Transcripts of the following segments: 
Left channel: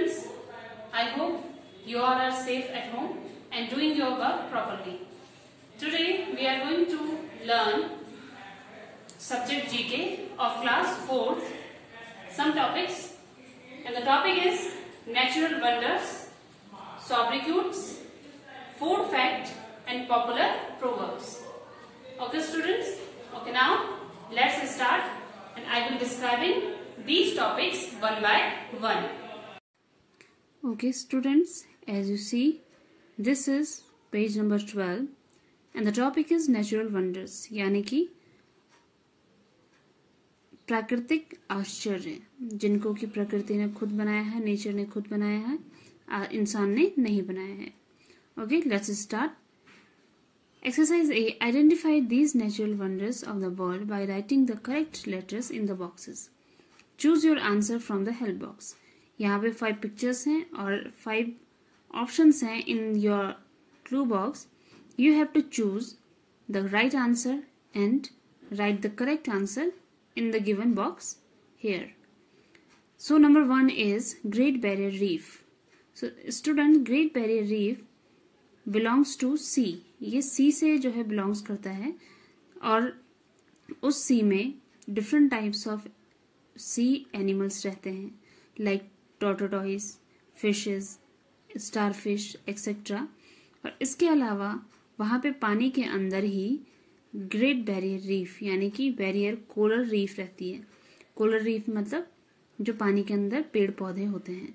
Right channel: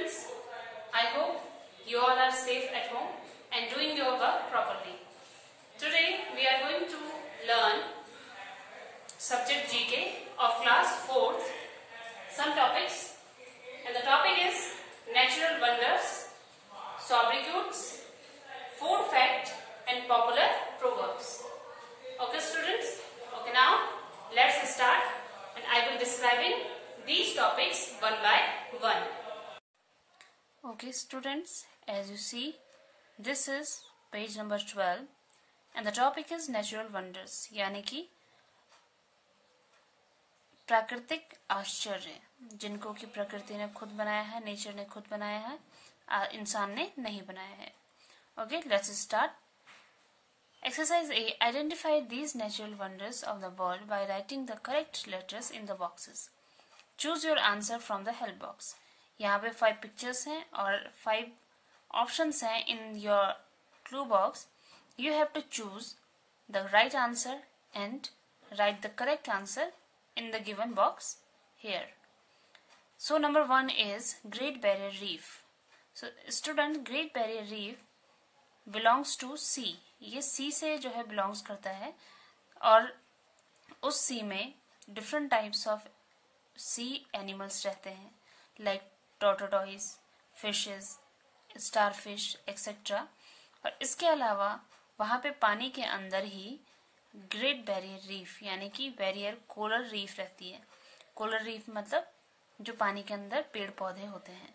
students, I hope you all are safe at home and doing your work properly. Today we are going to learn subject GK of class 4th, some topics, and the topic is natural wonders, sobriquets, food fact and popular proverbs. Okay students, okay now let's start and I will describing these topics one by one. Okay students, as you see, this is page number 12 and the topic is natural wonders, यानी कि प्राकृतिक आश्चर्य, जिनको कि प्रकृति ने खुद बनाया है, नेचर ने खुद बनाया है, इंसान ने नहीं बनाया है. Okay, let's start. Exercise A. Identify these natural wonders of the world by writing the correct letters in the boxes. Choose your answer from the help box. यहाँ पे 5 pictures हैं और 5 options हैं in your clue box. You have to choose the right answer and write the correct answer in the given box here. So number 1 is Great Barrier Reef. So student, Great Barrier Reef belongs to sea. ये sea से जो है belongs करता है और उस sea में different types of sea animals रहते हैं like tortoise, fishes, starfish, etc. और इसके अलावा वहाँ पे पानी के अंदर ही ग्रेट बैरियर रीफ यानी कि बैरियर कोरल रीफ रहती है. कोरल रीफ मतलब जो पानी के अंदर पेड़ पौधे होते हैं.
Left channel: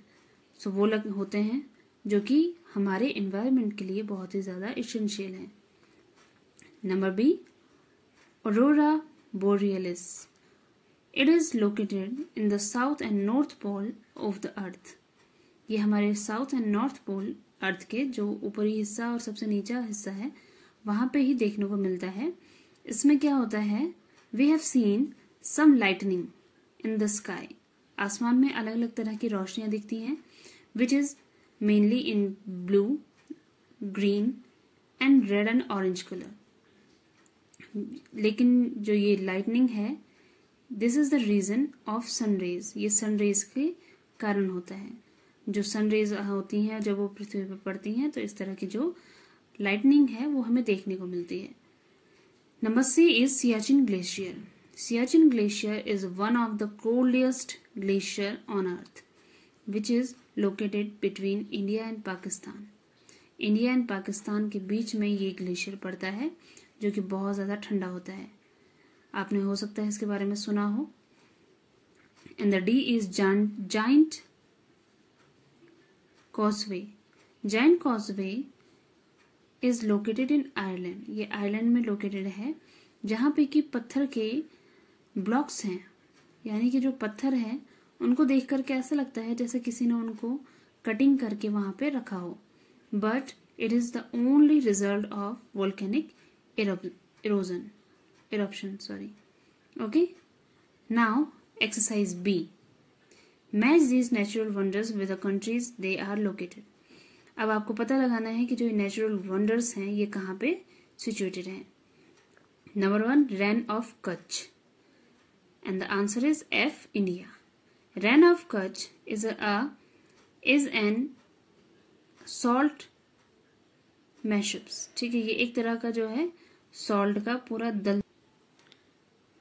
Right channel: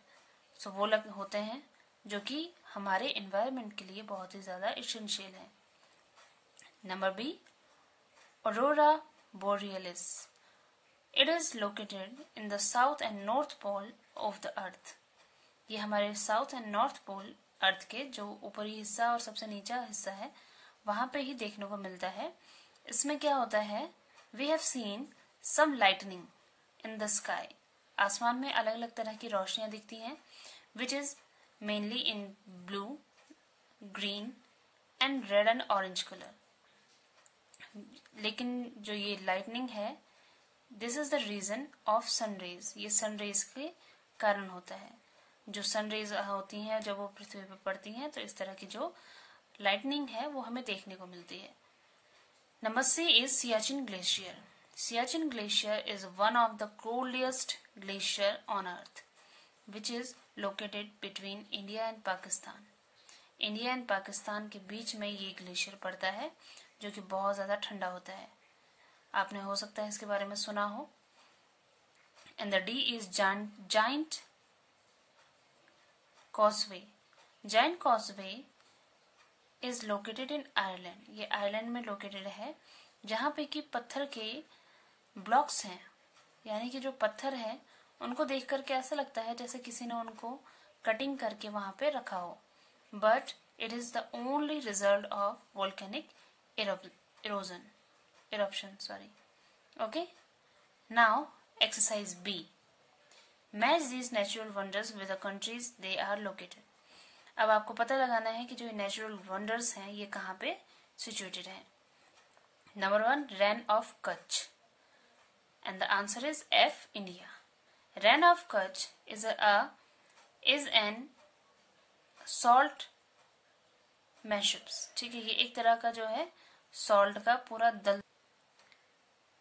सो वो होते हैं जो कि हमारे एनवायरनमेंट के लिए बहुत ही ज्यादा एसेंशियल है. Number B, aurora borealis. It is located in the south and north pole of the earth. ये हमारे साउथ एंड नॉर्थ पोल अर्थ के जो ऊपरी हिस्सा और सबसे नीचा हिस्सा है वहां पे ही देखने को मिलता है. इसमें क्या होता है, We have seen some lightning in the sky. आसमान में अलग अलग तरह की रोशनियां दिखती हैं which is mainly in blue, green and red and orange color. लेकिन जो ये लाइटनिंग है, this is the reason of sunrays. ये सनरेज के कारण होता है. जो सनरेज होती हैं जब वो पृथ्वी पर पड़ती हैं तो इस तरह की जो लाइटनिंग है वो हमें देखने को मिलती है. Number C is Siachen glacier. Siachen glacier is one of the coldest glacier on earth which is located between India and Pakistan. India and Pakistan के बीच में ये ग्लेशियर पड़ता है जो कि बहुत ज्यादा ठंडा होता है. आपने हो सकता है इसके बारे में सुना हो. And the D is giant causeway. Giant causeway is located in Ireland. ये आयरलैंड में लोकेटेड है जहां पे कि पत्थर के ब्लॉक्स हैं, यानी कि जो पत्थर है उनको देख करके ऐसा लगता है जैसे किसी ने उनको कटिंग करके वहां पे रखा हो. But it is the only result of volcanic eruption. Okay, now exercise B. Match these natural wonders with the countries they are located. अब आपको पता लगाना है कि जो natural wonders हैं ये कहाँ पे situated हैं. Number 1, Rann of Kutch, and the answer is F, India. Rann of Kutch is an salt mashups. ठीक है, ये एक तरह का जो है सॉल्ट का पूरा दल.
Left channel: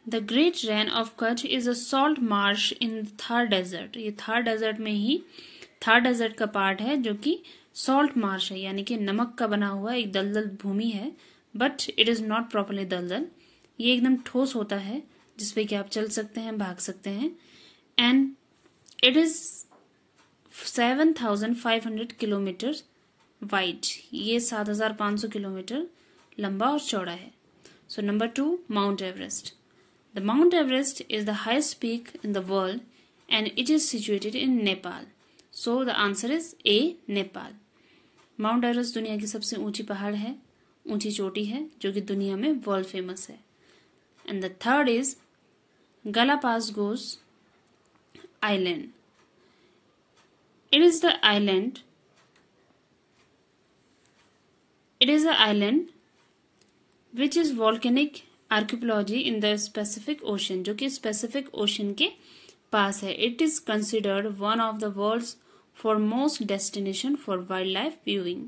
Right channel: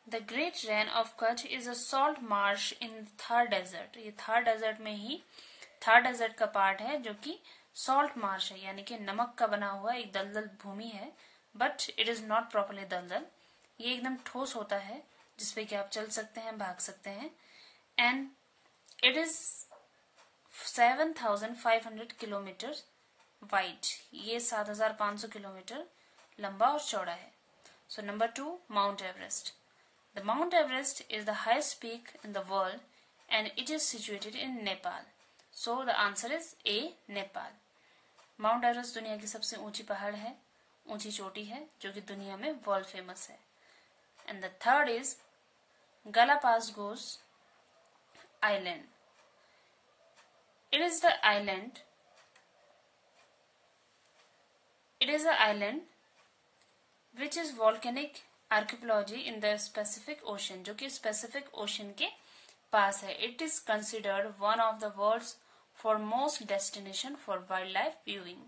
The great Rann of Kutch is a salt marsh in Thar desert. ये थार डेजर्ट में ही थार डेजर्ट का पार्ट है जो कि सॉल्ट मार्श है, यानी कि नमक का बना हुआ एक दलदल भूमि है. But it is not properly दलदल. ये एकदम ठोस होता है जिसपे कि आप चल सकते हैं, भाग सकते हैं. And it is 7,500 kilometre wide. ये 7,500 किलोमीटर लंबा और चौड़ा है. So number 2, mount Everest. The mount Everest is the highest peak in the world and it is situated in Nepal. So the answer is a, Nepal. Mount Everest दुनिया की सबसे ऊंची पहाड़ है, ऊंची चोटी है जो कि दुनिया में वर्ल्ड फेमस है. And the third is Galapagos island. It is the island which is volcanic archipelago in the Pacific Ocean, जो कि Pacific Ocean के पास है. It is considered one of the world's for most destination for wildlife viewing.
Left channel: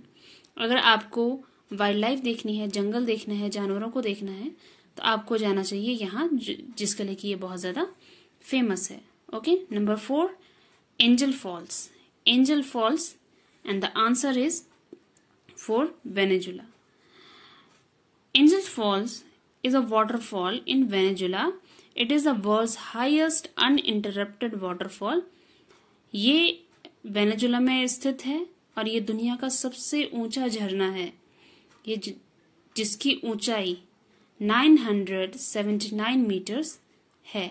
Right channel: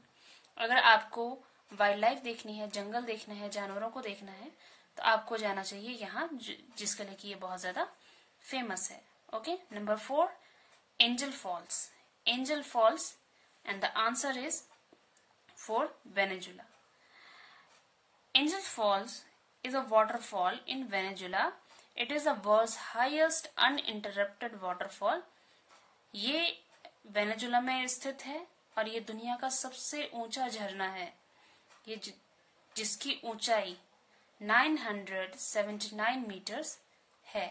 अगर आपको wild life देखनी है, जंगल देखना है, जानवरों को देखना है, तो आपको जाना चाहिए यहाँ, जिसके लिए कि ये बहुत ज्यादा फेमस है. Okay. Number 4, Angel Falls. Angel Falls and the answer is for Venezuela. Angel Falls is a waterfall in Venezuela. It is the world's highest uninterrupted waterfall. ये वेनेजुला में स्थित है और ये दुनिया का सबसे ऊंचा झरना है. ये जिसकी ऊंचाई 979 मीटर्स है.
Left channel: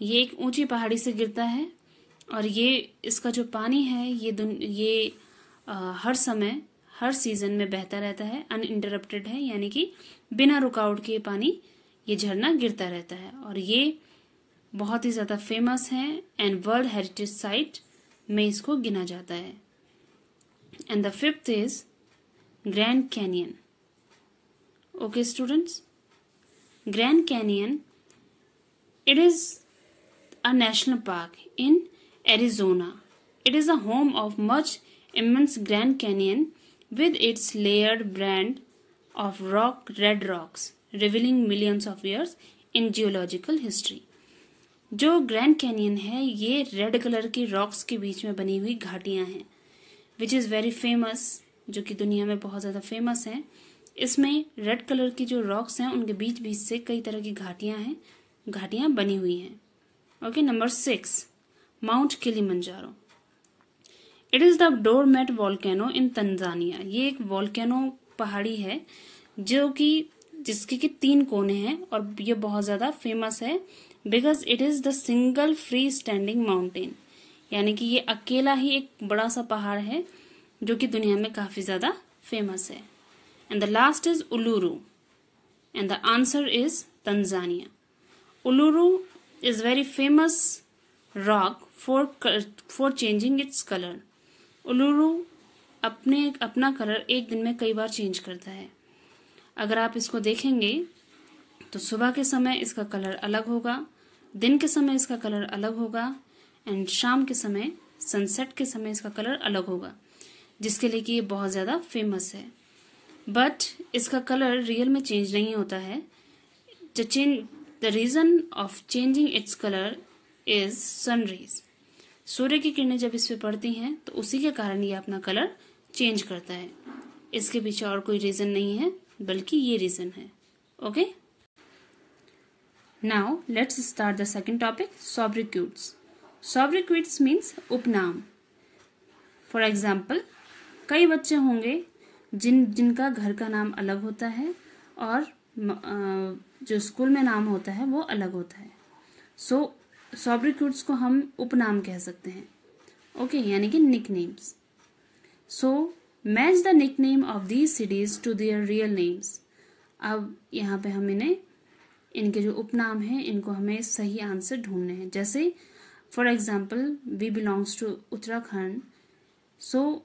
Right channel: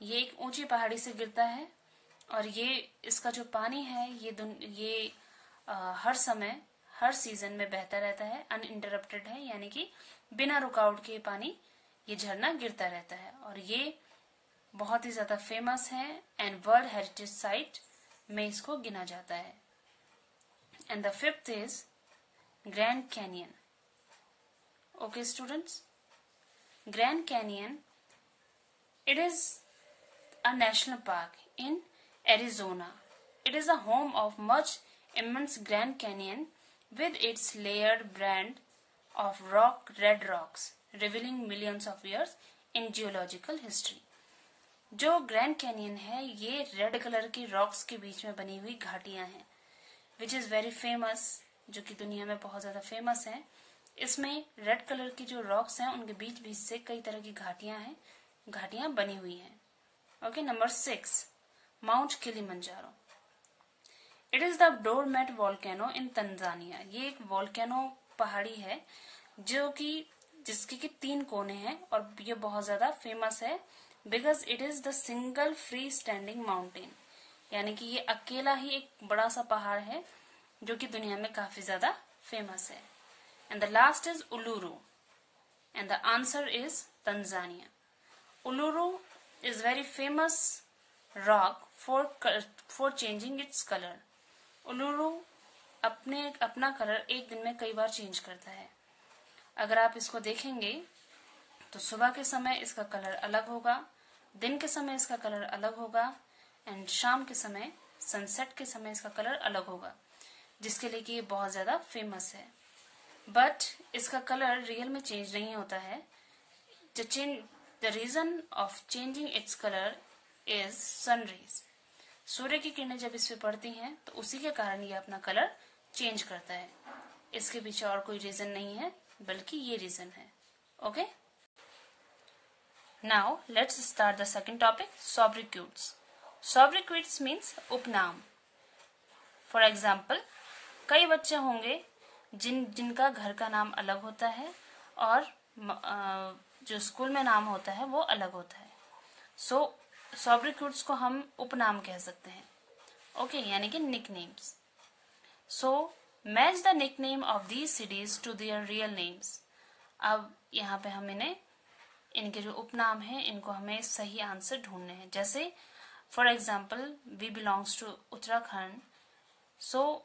ये एक ऊंची पहाड़ी से गिरता है और ये इसका जो पानी है ये हर समय, हर सीजन में बहता रहता है. अनइंटरप्टेड है, यानी कि बिना रुकावट के पानी ये झरना गिरता रहता है और ये बहुत ही ज्यादा फेमस है एंड वर्ल्ड हेरिटेज साइट में इसको गिना जाता है. And the 5th is grand canyon. Okay students, grand canyon, it is a national park in Arizona. It is the home of much immense Grand Canyon with its layered band of red rocks, revealing millions of years in geological history. जो grand canyon है ये red colour की rocks के बीच में बनी हुई घाटियां हैं, विच इज वेरी फेमस, जो कि दुनिया में बहुत ज्यादा फेमस है. इसमें रेड कलर की जो रॉक्स हैं उनके बीच बीच से कई तरह की घाटियां बनी हुई हैं. Okay. Number 6, mount Kilimanjaro. It is the doormat volcano in Tanzania. ये एक वॉल्केनो पहाड़ी है जिसके कि 3 कोने हैं और ये बहुत ज्यादा फेमस है because it is the single free standing mountain, यानी कि ये अकेला ही एक बड़ा सा पहाड़ है जो कि दुनिया में काफी ज्यादा फेमस है. And the last is Uluru and the answer is Tanzania. Uluru is very famous rock for changing its colour. Uluru अपना कलर एक दिन में कई बार चेंज करता है. अगर आप इसको देखेंगे तो सुबह के समय इसका कलर अलग होगा, दिन के समय इसका कलर अलग होगा एंड शाम के समय, सनसेट के समय इसका कलर अलग होगा, जिसके लिए कि ये बहुत ज्यादा फेमस है. बट इसका कलर रियल में चेंज नहीं होता है. The reason of changing its colour is sun rays. सूर्य की किरणें जब इस पे पड़ती हैं तो उसी के कारण ये अपना कलर चेंज करता है. इसके पीछे और कोई रीजन नहीं है बल्कि ये रीजन है. Okay. Now let's start the second topic, sobriquets. Sobriquets means उपनाम. फॉर एग्जाम्पल, कई बच्चे होंगे जिनका घर का नाम अलग होता है और जो स्कूल में नाम होता है वो अलग होता है. सो सोब्रिक्यूट्स को हम उपनाम कह सकते हैं. ओके, यानी कि nicknames. So match the nickname of these cities to their real names. अब यहाँ पे हम इनके जो उपनाम हैं इनको हमें सही आंसर ढूंढने हैं. जैसे for example, we belongs to Uttarakhand. So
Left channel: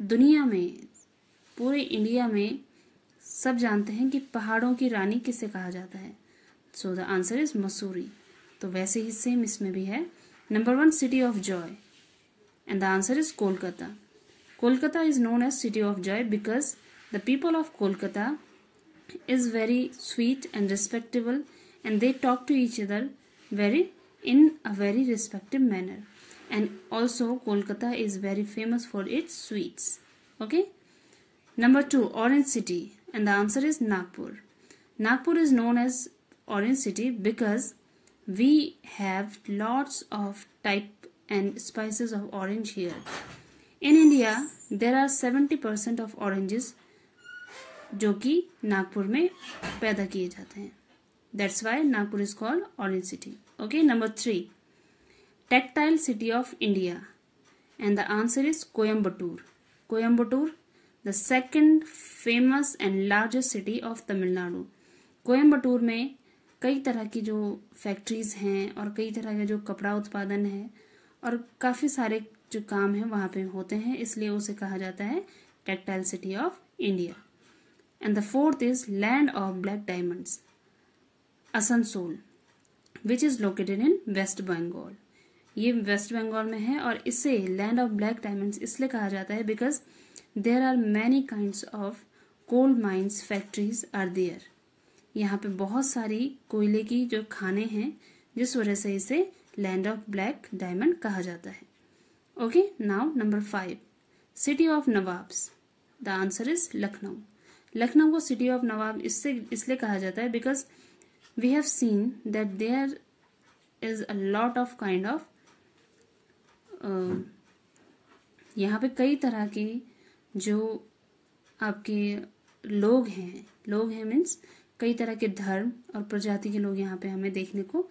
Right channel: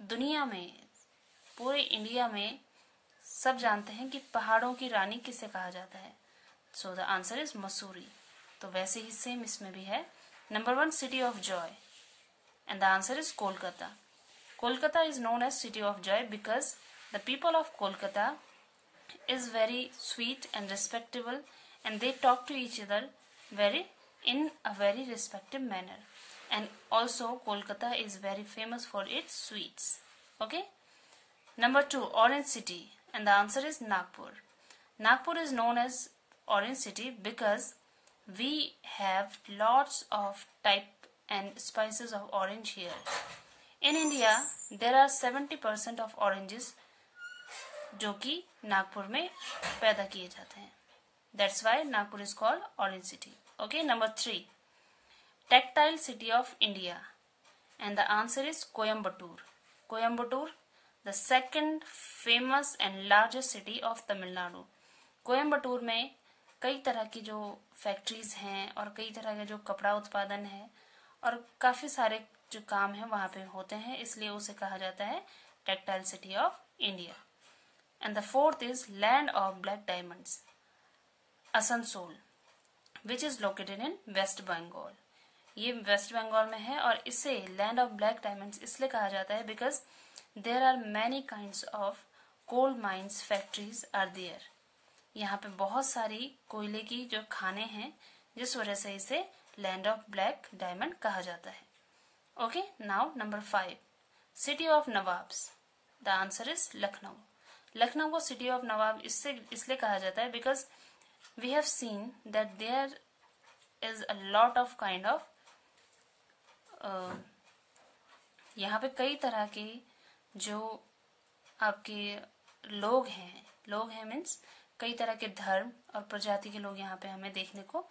दुनिया में, पूरे इंडिया में सब जानते हैं कि पहाड़ों की रानी किसे कहा जाता है. So the answer is Mussoorie. तो वैसे ही सेम इसमें भी है. Number 1, city of joy, and the answer is Kolkata. Kolkata is known as city of joy because the people of Kolkata is very sweet and respectable and they talk to each other in a very respectful manner. And also Kolkata is very famous for its sweets. Okay. Number 2, Orange City, and the answer is Nagpur. Nagpur is known as Orange City because we have lots of type and species of orange here. In India, there are 70% of oranges जो कि नागपुर में पैदा किए जाते हैं. That's why Nagpur is called orange city. Okay. Number 3, textile city of India, and the answer is Coimbatore. Coimbatore, the second famous and largest city of Tamil Nadu. Coimbatore में कई तरह की जो फैक्ट्रीज हैं और कई तरह का जो कपड़ा उत्पादन है और काफी सारे जो काम है वहां पे होते हैं, इसलिए उसे कहा जाता है textile city of India. And the 4th is Land of Black Diamonds, Asansol, which is located in West Bengal. ये वेस्ट बंगाल में है और इसे लैंड ऑफ ब्लैक डायमंड्स इसलिए कहा जाता है because there are many kinds of coal mines factories are there. यहाँ पे बहुत सारी कोयले की जो खाने हैं, जिस वजह से इसे लैंड ऑफ ब्लैक डायमंड कहा जाता है। Okay, now number 5, city of nawabs. The answer is Lucknow. Lucknow को सिटी ऑफ नवाब इसलिए कहा जाता है because we have seen that there is a lot of kind of यहाँ पे कई तरह के जो आपके लोग हैं मीन्स कई तरह के धर्म और प्रजाति के लोग यहाँ पे हमें देखने को।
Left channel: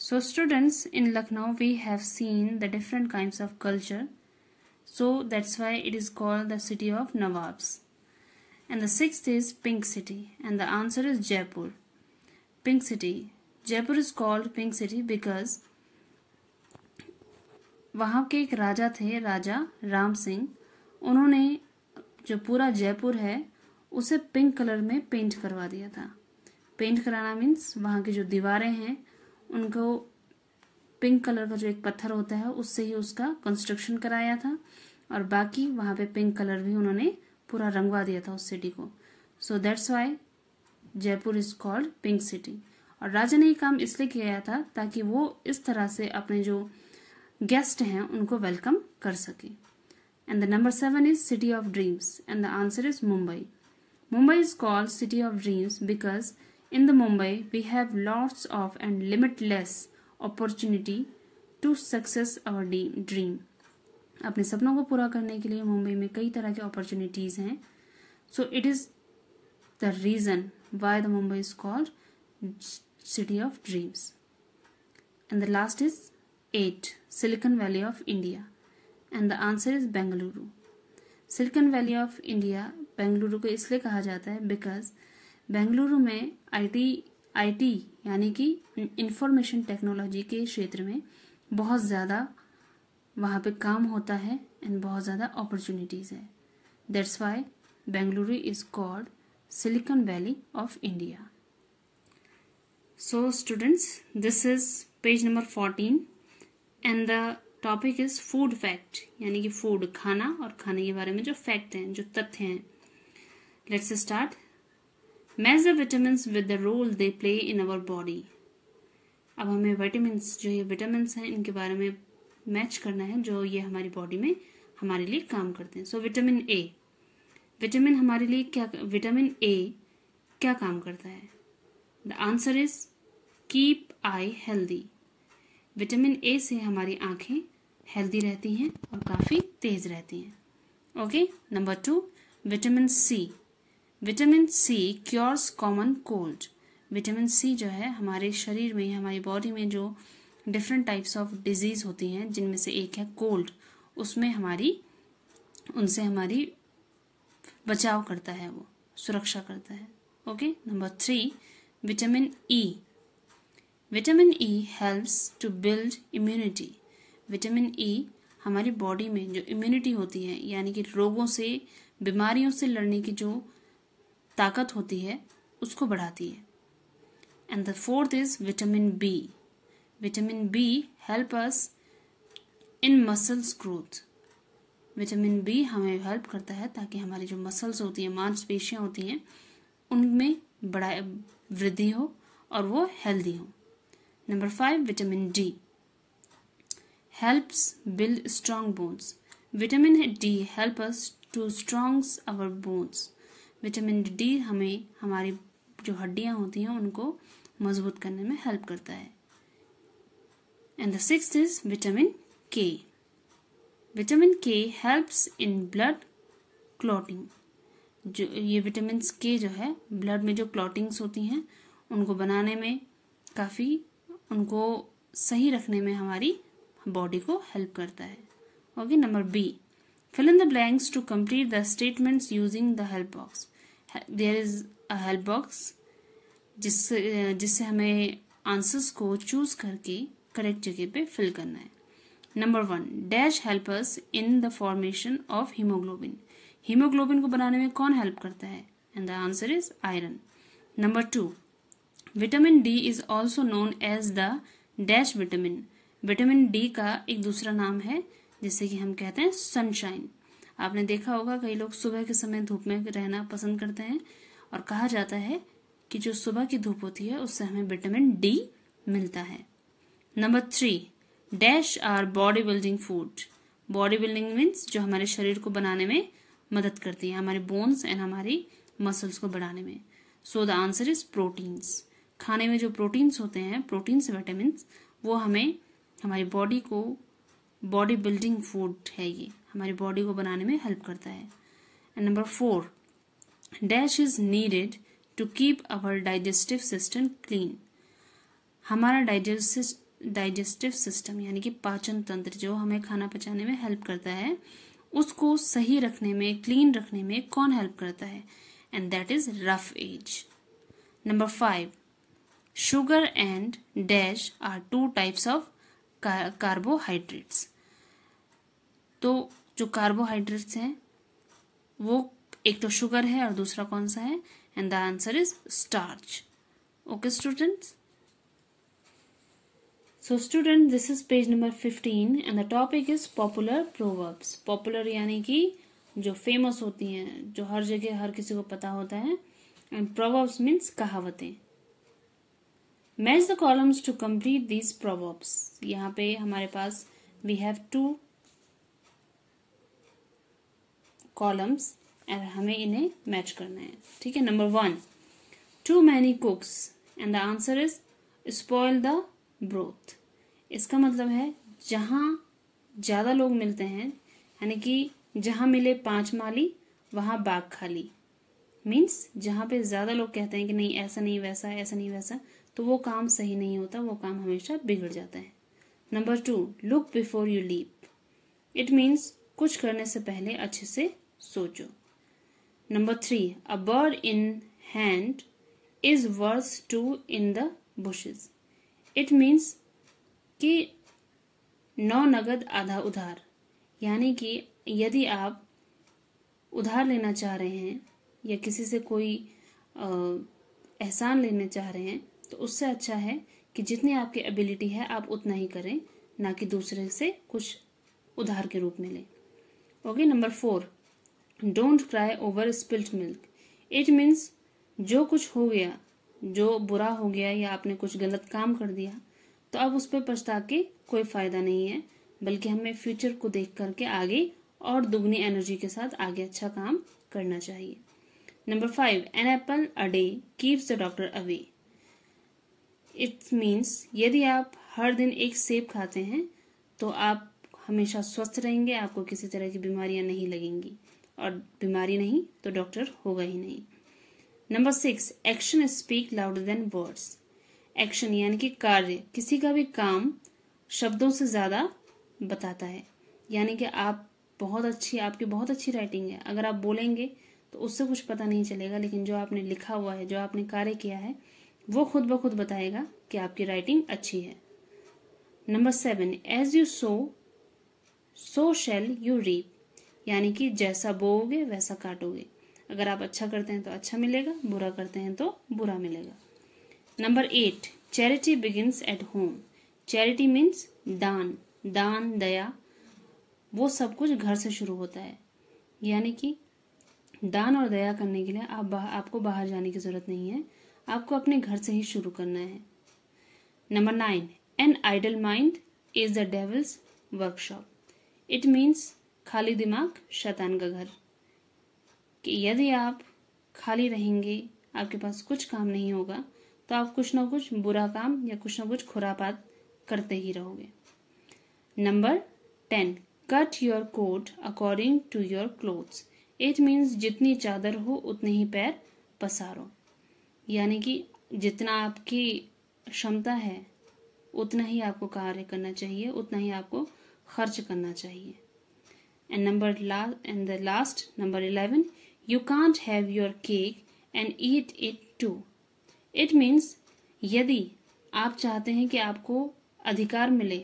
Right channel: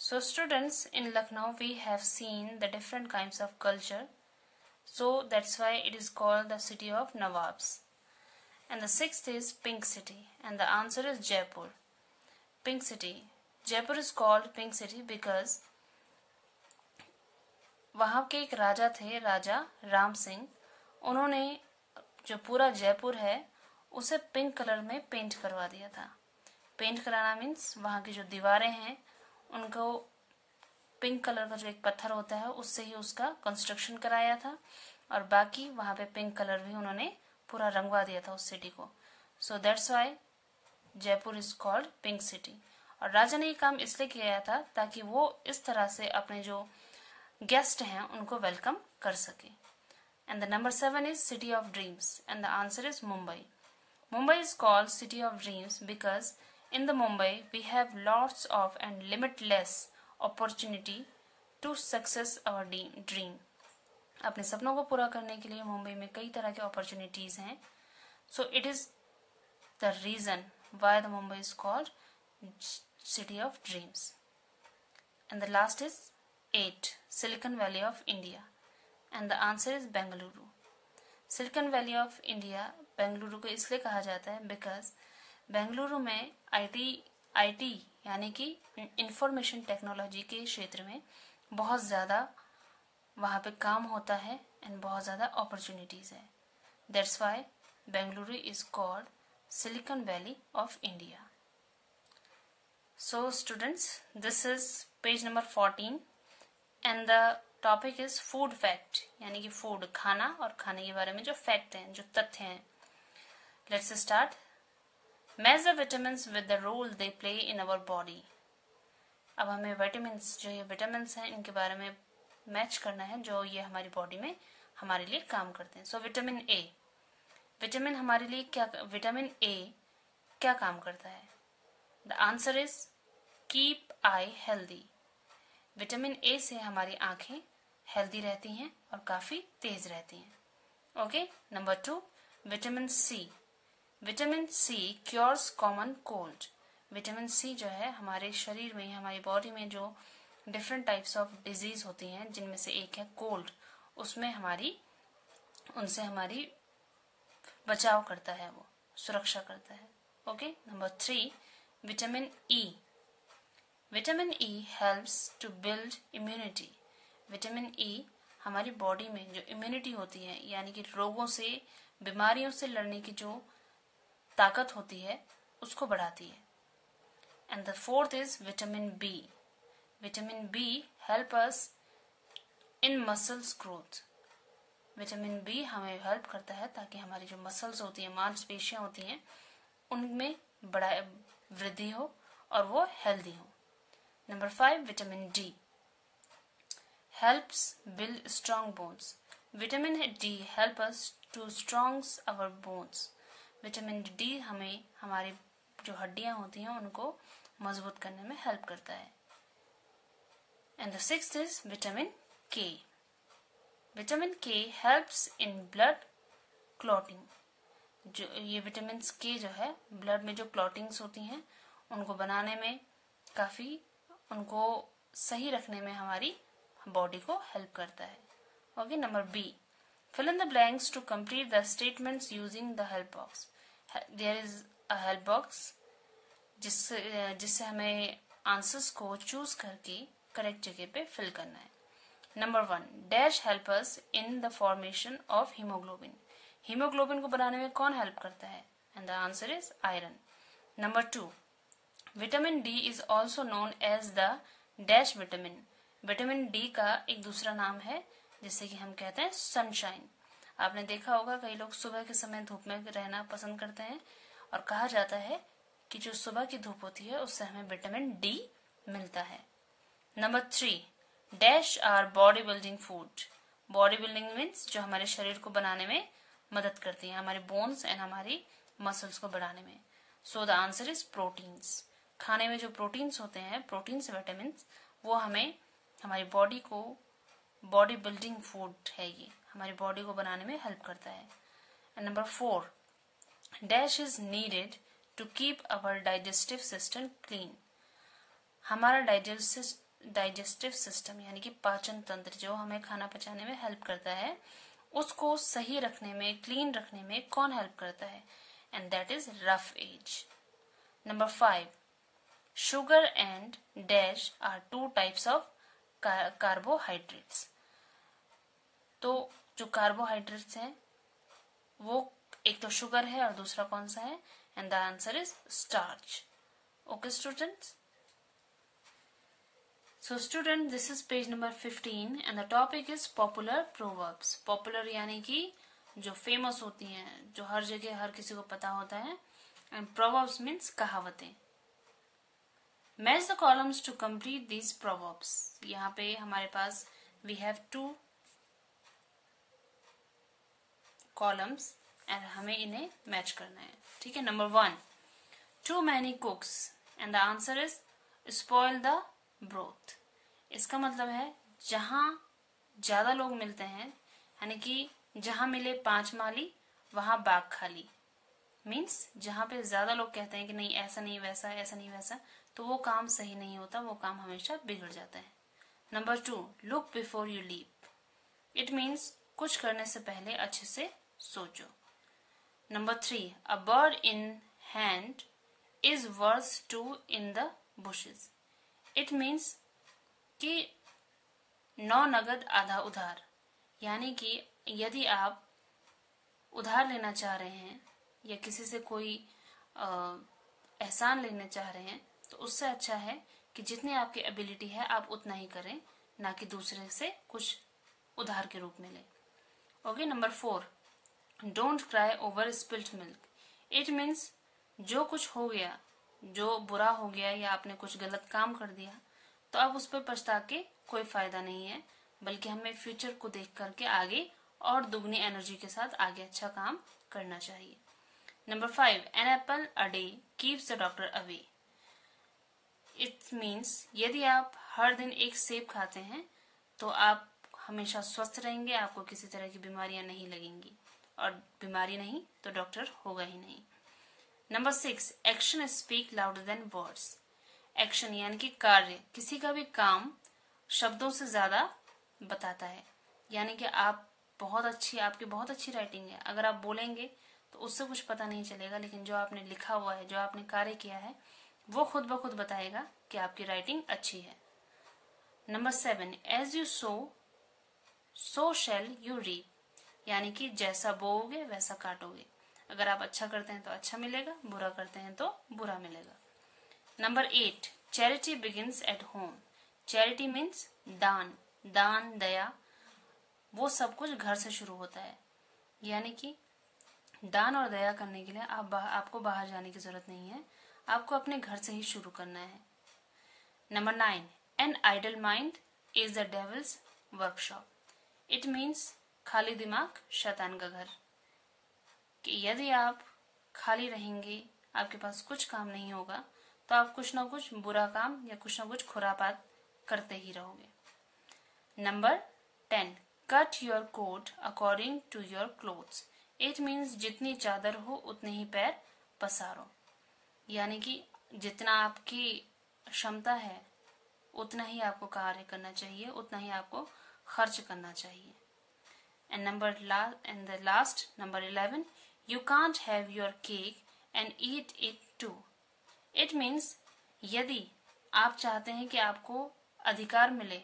So students, in Lucknow we have seen the different kinds of culture, so that's why it is called the city of Nawabs. And the 6th is Pink City, and the answer is Jaipur. Pink City. Jaipur is called Pink City because वहाँ के एक राजा थे, राजा राम सिंह। उन्होंने जो पूरा जयपुर है उसे pink colour में पेंट करवा दिया था। पेंट कराना मीन्स वहाँ की जो दीवारें हैं उनको पिंक कलर का जो एक पत्थर होता है उससे ही उसका कंस्ट्रक्शन कराया था, और बाकी वहां पे पिंक कलर भी उन्होंने पूरा रंगवा दिया था उस सिटी को। So that's why Jaipur is called pink city. और राजा ने ये काम इसलिए किया था ताकि वो इस तरह से अपने जो गेस्ट हैं उनको वेलकम कर सके। And the number 7 is city of dreams, and the answer is Mumbai. Mumbai is called city of dreams because in the Mumbai we have lots of and limitless opportunity to success our dream. अपने सपनों को पूरा करने के लिए मुंबई में कई तरह के अपॉर्चुनिटीज हैं। So it is the reason why the Mumbai is called city of dreams. And the last is 8, Silicon Valley of India, and the answer is Bengaluru. Silicon Valley of India Bengaluru को इसलिए कहा जाता है because Bengaluru में IT यानी कि information technology के क्षेत्र में बहुत ज्यादा वहां पे काम होता है एंड बहुत ज्यादा अपॉर्चुनिटीज है। That's why Bengaluru is called silicon valley of India. So students, this is page number 14 and the topic is food fact, यानी कि फूड खाना और खाने के बारे में जो फैक्ट हैं, जो तथ्य हैं। Let's start. Measure vitamins with the role they play in our body. अब हमें विटामिन्स, जो ये विटामिन्स हैं, इनके बारे में मैच करना है जो ये हमारी बॉडी में हमारे लिए काम करते हैं। सो विटामिन ए, विटामिन हमारे लिए क्या, विटामिन ए क्या काम करता है? The answer is keep I healthy. Vitamin A से हमारी आंखें हेल्दी रहती हैं और काफी तेज रहती हैं। Okay, number 2, vitamin C. Vitamin C cures common cold. Vitamin C जो है हमारे शरीर में, हमारी बॉडी में जो डिफरेंट टाइप्स ऑफ डिजीज होती हैं, जिनमें से एक है कोल्ड, उसमें उनसे हमारी बचाव करता है, वो सुरक्षा करता है। Okay, number 3, vitamin E. Vitamin E helps to build immunity. Vitamin E हमारी बॉडी में जो इम्यूनिटी होती है, यानी कि रोगों से, बीमारियों से लड़ने की जो ताकत होती है, उसको बढ़ाती है। And the 4th is vitamin B. Vitamin B help us in muscles growth. Vitamin B हमें हेल्प करता है ताकि हमारी जो मसल्स होती हैं, मांसपेशियां होती हैं, उनमें बड़ा वृद्धि हो और वो हेल्दी हो। Number 5, vitamin D helps build strong bones. Vitamin D help us to strongs our bones. Vitamin D हमें हमारी जो हड्डियां होती हैं उनको मजबूत करने में हेल्प करता है। And the 6th is vitamin के। विटामिन के हेल्प्स इन ब्लड क्लॉटिंग। जो ये विटामिन के जो है ब्लड में जो क्लॉटिंग्स होती हैं उनको बनाने में, काफी उनको सही रखने में हमारी बॉडी को हेल्प करता है। Okay, number B, fill in the blanks to complete the statements using the help box. There is a help box जिससे हमें आंसर्स को चूज करके करेक्ट जगह पे फिल करना है। Number 1, dash help us in the formation of haemoglobin. Haemoglobin को बनाने में कौन हेल्प करता है? And the answer is iron. Number 2, vitamin D is also known as the dash vitamin. Vitamin D का एक दूसरा नाम है जिसे कि हम कहते हैं सनशाइन। आपने देखा होगा कई लोग सुबह के समय धूप में रहना पसंद करते हैं और कहा जाता है कि जो सुबह की धूप होती है उससे हमें विटामिन डी मिलता है। Number 3, dash our body building food. Body building means जो हमारे शरीर को बनाने में मदद करती है, हमारे बोन्स एंड हमारी मसल्स को बढ़ाने में। सो द आंसर इज प्रोटीन्स। खाने में जो प्रोटीन्स होते हैं, प्रोटीन्स विटामिन, वो हमें हमारी बॉडी को बॉडी बिल्डिंग फूड है, ये हमारी बॉडी को बनाने में हेल्प करता है। And number 4, dash is needed to keep our digestive system clean. हमारा डाइजेस्टिव सिस्टम यानी कि पाचन तंत्र जो हमें खाना पचाने में हेल्प करता है, उसको सही रखने में, क्लीन रखने में कौन हेल्प करता है? And that is roughage. Number 5, sugar and dash are 2 types of carbohydrates. तो जो कार्बोहाइड्रेट्स हैं वो एक तो शुगर है और दूसरा कौन सा है? And the answer is starch. Okay students, so student this is page number 15 and the topic is popular proverbs. Popular यानी कि जो फेमस होती हैं, जो हर जगह हर किसी को पता होता है, एंड प्रोवर्ब्स मीन्स कहावतें। Match the columns to complete these proverbs. यहाँ पे हमारे पास वी हैव 2 कॉलम्स एंड हमें इन्हें मैच करना है। ठीक है। Number 1, too many cooks and the answer is spoil the broth. इसका मतलब है जहां ज्यादा लोग मिलते हैं, यानी कि जहां मिले 5 माली वहां बाग खाली। मीन्स जहां पे ज्यादा लोग कहते हैं कि नहीं ऐसा नहीं वैसा, ऐसा नहीं वैसा, तो वो काम सही नहीं होता, वो काम हमेशा बिगड़ जाता है। Number 2, look before you leap. It means कुछ करने से पहले अच्छे से सोचो। Number 3, a bird in hand is worth 2 in the bushes. It means कि 9 नगद आधा उधार, यानी कि यदि आप उधार लेना चाह रहे हैं या किसी से कोई एहसान लेने चाह रहे हैं, तो उससे अच्छा है कि जितनी आपकी एबिलिटी है आप उतना ही करें, ना कि दूसरे से कुछ उधार के रूप में लें। Okay. Number 4, don't cry over spilt milk. It means जो कुछ हो गया, जो बुरा हो गया या आपने कुछ गलत काम कर दिया, तो अब उस पर पछता के कोई फायदा नहीं है, बल्कि हमें फ्यूचर को देख करके आगे और दुगनी एनर्जी के साथ आगे अच्छा काम करना चाहिए। Number 5, an apple a day keeps the doctor away. It means यदि आप हर दिन एक सेब खाते हैं तो आप हमेशा स्वस्थ रहेंगे, आपको किसी तरह की बीमारियां नहीं लगेंगी, और बीमारी नहीं तो डॉक्टर होगा ही नहीं। Number 6, action speak louder than words. Action यानी कि कार्य, किसी का भी काम शब्दों से ज्यादा बताता है। यानी कि आपकी बहुत अच्छी राइटिंग है, अगर आप बोलेंगे तो उससे कुछ पता नहीं चलेगा, लेकिन जो आपने लिखा हुआ है, जो आपने कार्य किया है, वो खुद ब खुद बताएगा कि आपकी राइटिंग अच्छी है। Number 7, as you sow shall you reap. यानी कि जैसा बोओगे वैसा काटोगे। अगर आप अच्छा करते हैं तो अच्छा मिलेगा, बुरा करते हैं तो बुरा मिलेगा। Number 8, charity begins at home. Charity means दान, दया, वो सब कुछ घर से शुरू होता है। यानी कि दान और दया करने के लिए आपको बाहर जाने की जरूरत नहीं है, आपको अपने घर से ही शुरू करना है। Number 9, an idle mind is the devil's workshop. It means खाली दिमाग शैतान का घर। कि यदि आप खाली रहेंगे, आपके पास कुछ काम नहीं होगा, तो आप कुछ ना कुछ बुरा काम या कुछ ना कुछ खुरापात करते ही रहोगे। Number 10, cut your coat according to your clothes. It means जितनी चादर हो उतने ही पैर पसारो। यानी कि जितना आपकी क्षमता है उतना ही आपको कार्य करना चाहिए, उतना ही आपको खर्च करना चाहिए। And the last number 11, you can't have your cake and eat it too. It means यदि आप चाहते हैं कि आपको अधिकार मिले,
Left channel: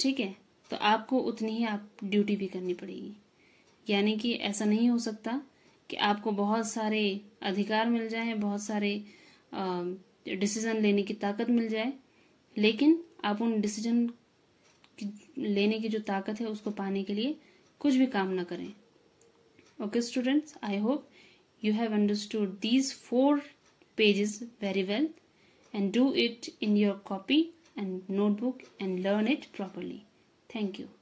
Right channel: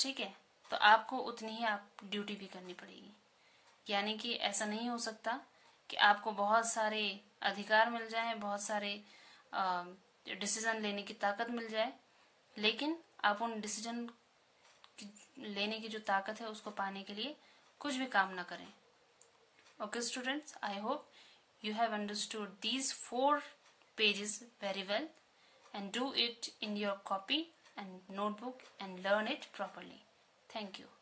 ठीक है, तो आपको उतनी ही आप ड्यूटी भी करनी पड़ेगी। यानी कि ऐसा नहीं हो सकता कि आपको बहुत सारे अधिकार मिल जाएं, बहुत सारे डिसीजन लेने की ताकत मिल जाए, लेकिन आप उन डिसीजन लेने की जो ताकत है उसको पाने के लिए कुछ भी काम ना करें. Okay students, I hope you have understood these 4 pages very well and do it in your copy and notebook and learn it properly. Thank you.